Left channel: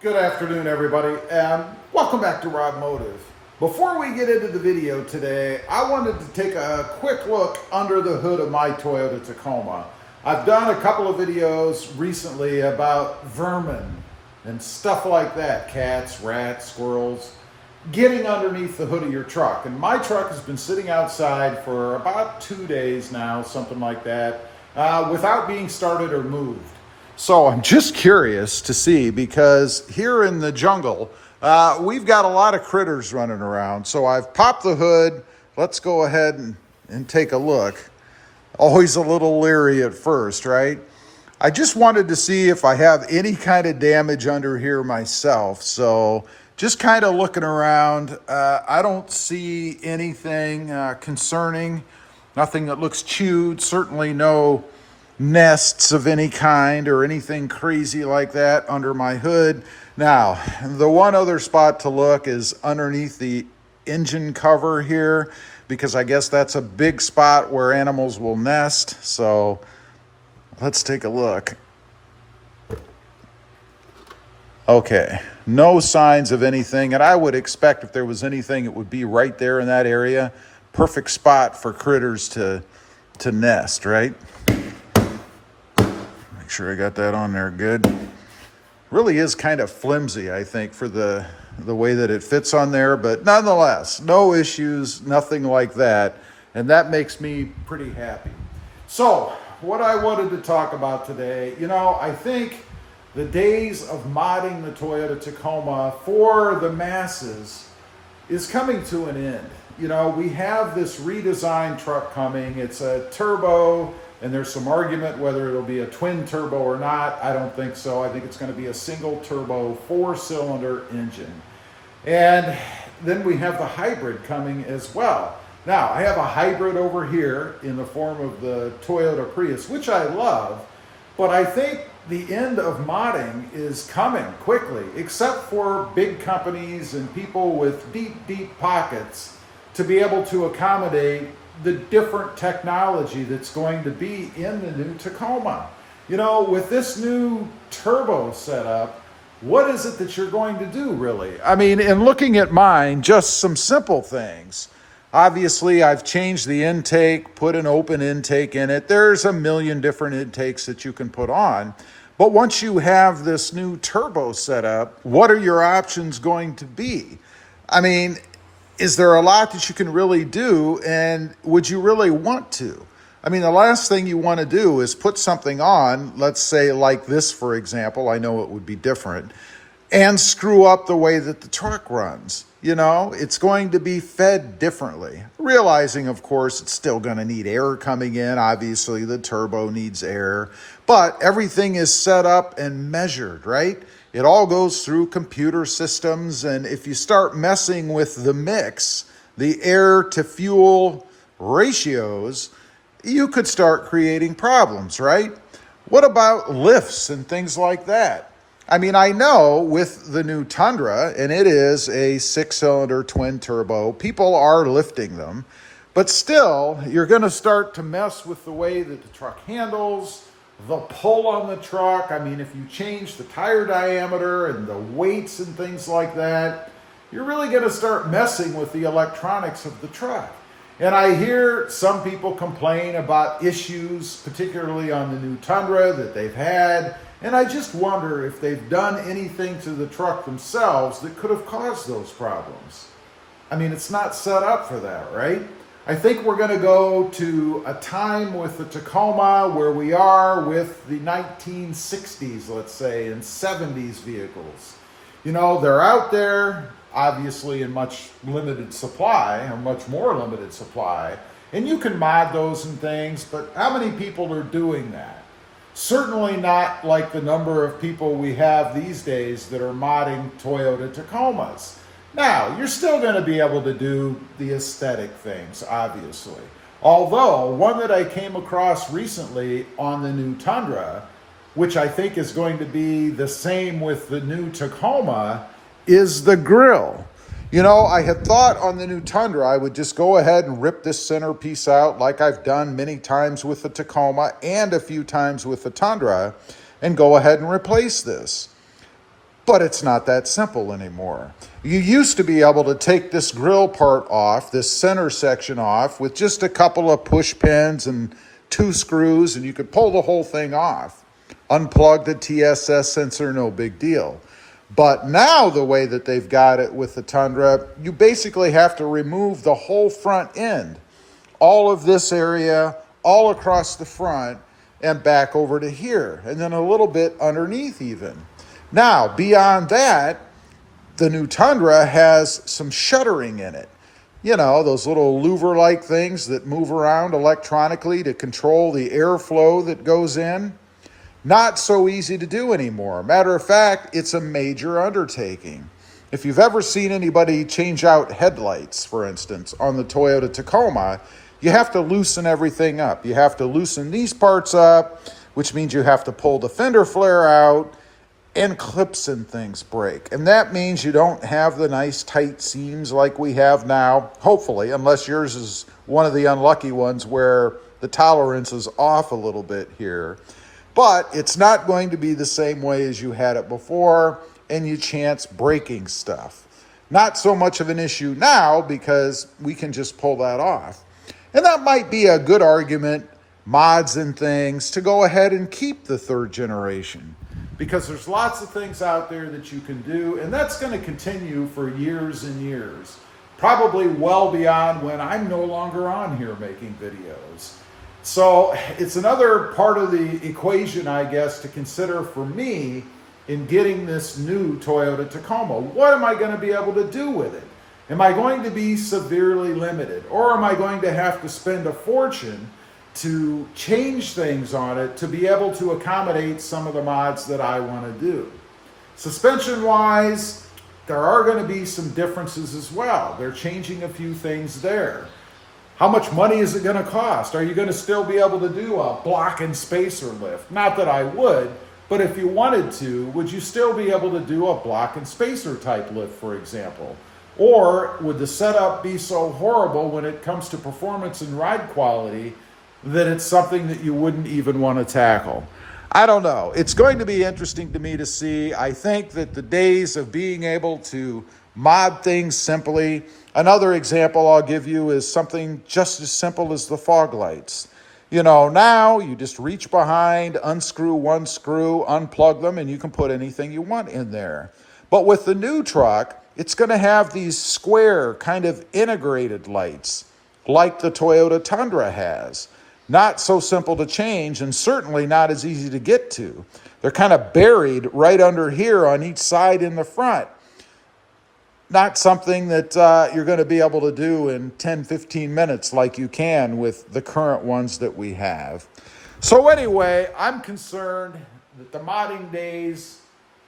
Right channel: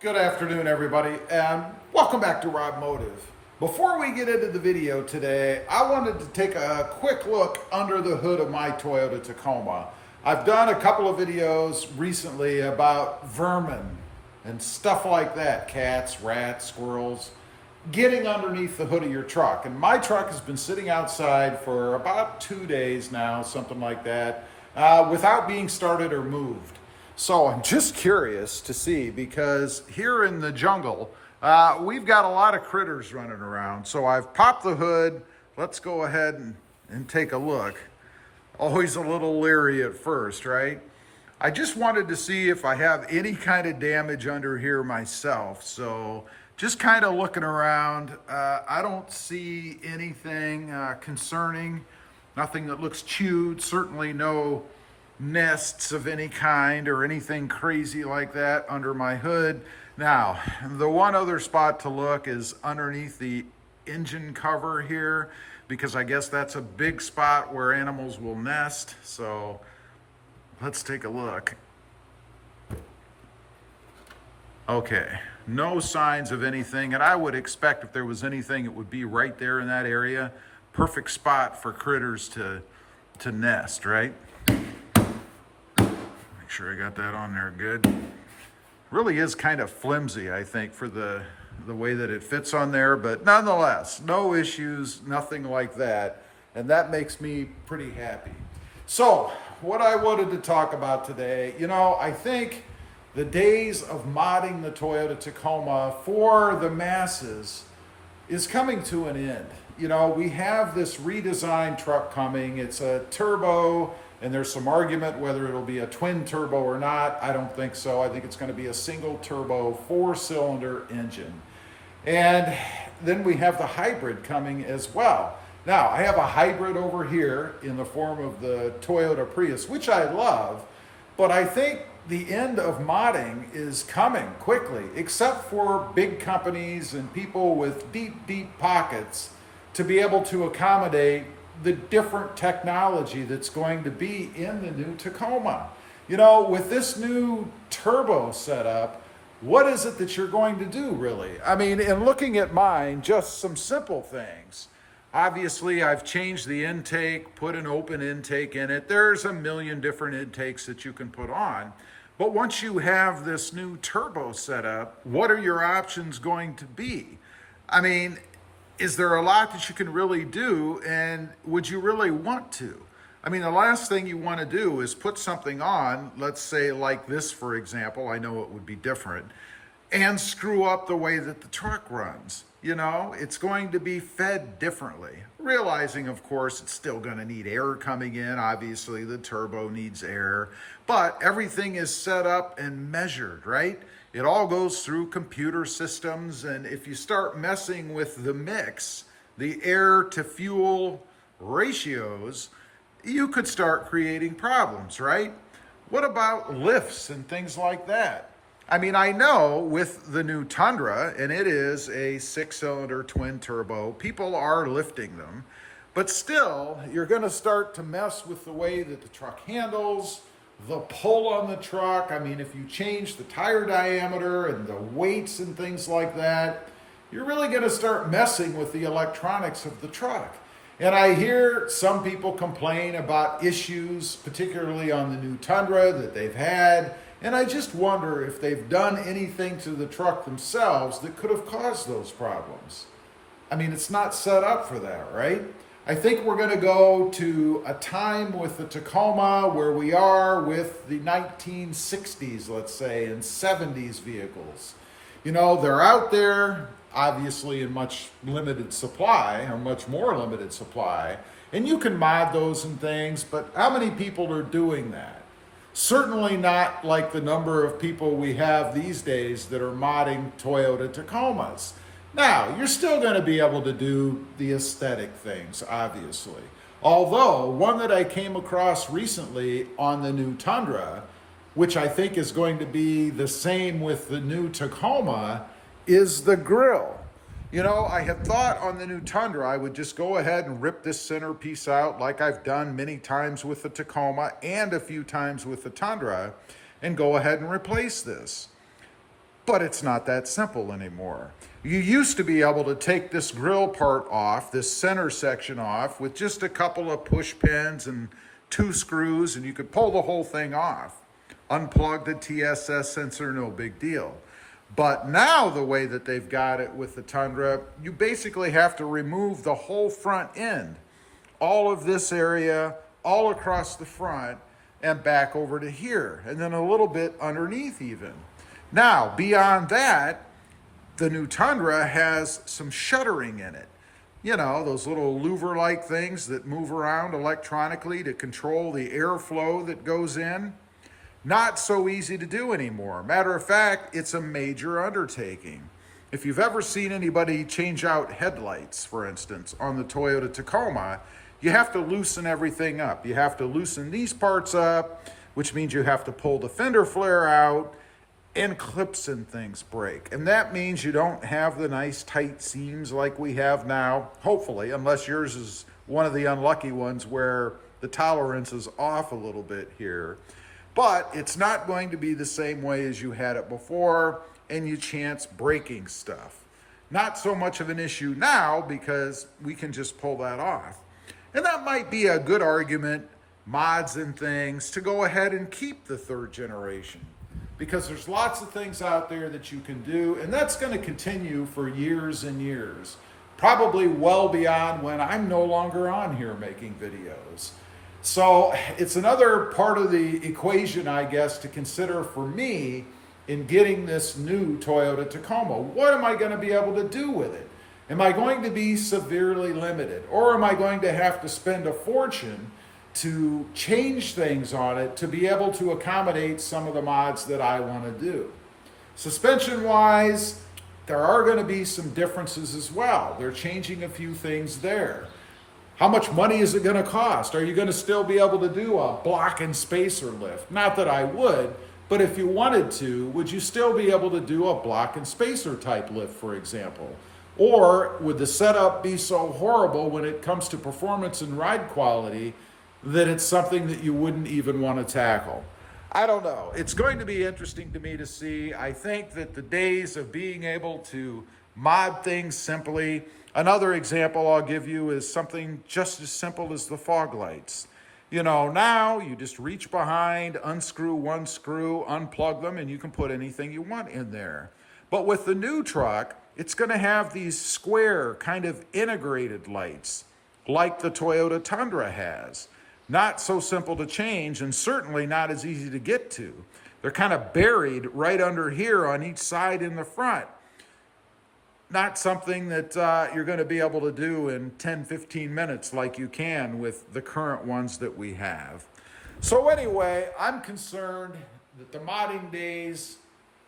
Good afternoon, everybody, and welcome back to RobMotive. Before we get into the video today, I wanted to take a quick look under the hood of my Toyota Tacoma. I've done a couple of videos recently about vermin and stuff like that, cats, rats, squirrels, getting underneath the hood of your truck. And my truck has been sitting outside for about 2 days now, something like that, without being started or moved. So I'm just curious to see, because here in the jungle, we've got a lot of critters running around. So I've popped the hood. Let's go ahead and take a look. Always a little leery at first, right? I just wanted to see if I have any kind of damage under here myself. So just kind of looking around. I don't see anything concerning. Nothing that looks chewed. Certainly no nests of any kind or anything crazy like that under my hood. Now, the one other spot to look is underneath the engine cover here, because I guess that's a big spot where animals will nest. So let's take a look. Okay, no signs of anything, and I would expect if there was anything, it would be right there in that area. Perfect spot for critters to nest, right? Make sure I got that on there good. Really is kind of flimsy, I think, for the way that it fits on there, but nonetheless, no issues, nothing like that, and that makes me pretty happy. So, what I wanted to talk about today, I think the days of modding the Toyota Tacoma for the masses is coming to an end. We have this redesigned truck coming. It's a turbo, and there's some argument whether it'll be a twin turbo or not. I don't think so. I think it's going to be a single turbo 4-cylinder engine. And then we have the hybrid coming as well. Now, I have a hybrid over here in the form of the Toyota Prius, which I love, but I think the end of modding is coming quickly, except for big companies and people with deep, deep pockets to be able to accommodate the different technology that's going to be in the new Tacoma. With this new turbo setup, what is it that you're going to do, really? I mean, in looking at mine, just some simple things. Obviously, I've changed the intake, put an open intake in it. There's a million different intakes that you can put on. But once you have this new turbo set up, what are your options going to be? I mean, is there a lot that you can really do, and would you really want to? I mean, the last thing you want to do is put something on, let's say like this, for example, I know it would be different, and screw up the way that the truck runs. It's going to be fed differently. Realizing, of course, it's still going to need air coming in. Obviously, the turbo needs air, but everything is set up and measured, right? It all goes through computer systems, and if you start messing with the mix, the air to fuel ratios, you could start creating problems, right? What about lifts and things like that? I mean, I know with the new Tundra, and it is a 6-cylinder twin turbo, people are lifting them, but still, you're going to start to mess with the way that the truck handles, the pull on the truck. I mean, if you change the tire diameter and the weights and things like that, you're really going to start messing with the electronics of the truck. And I hear some people complain about issues, particularly on the new Tundra, that they've had. And I just wonder if they've done anything to the truck themselves that could have caused those problems. I mean, it's not set up for that, right? I think we're going to go to a time with the Tacoma where we are with the 1960s, let's say, and 70s vehicles. They're out there, obviously in much limited supply, or much more limited supply, and you can mod those and things, but how many people are doing that? Certainly not like the number of people we have these days that are modding Toyota Tacomas. Now, you're still going to be able to do the aesthetic things, obviously. Although, one that I came across recently on the new Tundra, which I think is going to be the same with the new Tacoma, is the grille. I had thought on the new Tundra, I would just go ahead and rip this centerpiece out like I've done many times with the Tacoma and a few times with the Tundra, and go ahead and replace this. But it's not that simple anymore. You used to be able to take this grill part off, this center section off, with just a couple of push pins and 2 screws, and you could pull the whole thing off. Unplug the TSS sensor, no big deal. But now the way that they've got it with the Tundra, you basically have to remove the whole front end. All of this area, all across the front, and back over to here, and then a little bit underneath even. Now, beyond that, the new Tundra has some shuttering in it. You know, those little louver-like things that move around electronically to control the airflow that goes in. Not so easy to do anymore. Matter of fact, it's a major undertaking. If you've ever seen anybody change out headlights, for instance, on the Toyota Tacoma, you have to loosen everything up. You have to loosen these parts up, which means you have to pull the fender flare out, and clips and things break. And that means you don't have the nice tight seams like we have now, hopefully, unless yours is one of the unlucky ones where the tolerance is off a little bit here. But it's not going to be the same way as you had it before, and you chance breaking stuff. Not so much of an issue now because we can just pull that off. And that might be a good argument, mods and things, to go ahead and keep the 3rd generation. Because there's lots of things out there that you can do, and that's going to continue for years and years. Probably well beyond when I'm no longer on here making videos. So it's another part of the equation, I guess, to consider for me in getting this new Toyota Tacoma. What am I going to be able to do with it? Am I going to be severely limited? Or am I going to have to spend a fortune to change things on it to be able to accommodate some of the mods that I want to do? Suspension-wise, there are going to be some differences as well. They're changing a few things there. How much money is it going to cost? Are you going to still be able to do a block and spacer lift? Not that I would, but if you wanted to, would you still be able to do a block and spacer type lift, for example? Or would the setup be so horrible when it comes to performance and ride quality that it's something that you wouldn't even want to tackle? I don't know. It's going to be interesting to me to see. I think that the days of being able to mod things simply, another example I'll give you is something just as simple as the fog lights. You know, now you just reach behind, unscrew one screw, unplug them, and you can put anything you want in there. But with the new truck, it's going to have these square kind of integrated lights like the Toyota Tundra has. Not so simple to change and certainly not as easy to get to. They're kind of buried right under here on each side in the front. Not something that you're going to be able to do in 10, 15 minutes like you can with the current ones that we have. So anyway, I'm concerned that the modding days,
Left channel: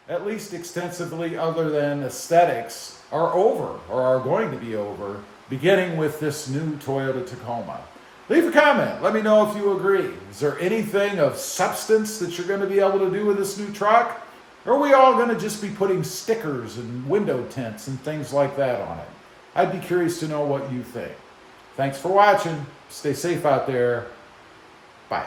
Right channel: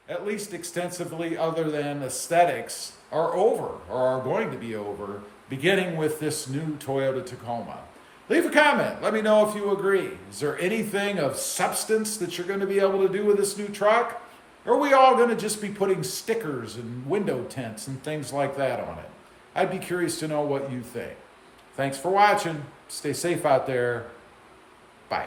at least extensively other than aesthetics, are over or are going to be over, beginning with this new Toyota Tacoma. Leave a comment. Let me know if you agree. Is there anything of substance that you're going to be able to do with this new truck? Or are we all going to just be putting stickers and window tints and things like that on it? I'd be curious to know what you think. Thanks for watching. Stay safe out there. Bye.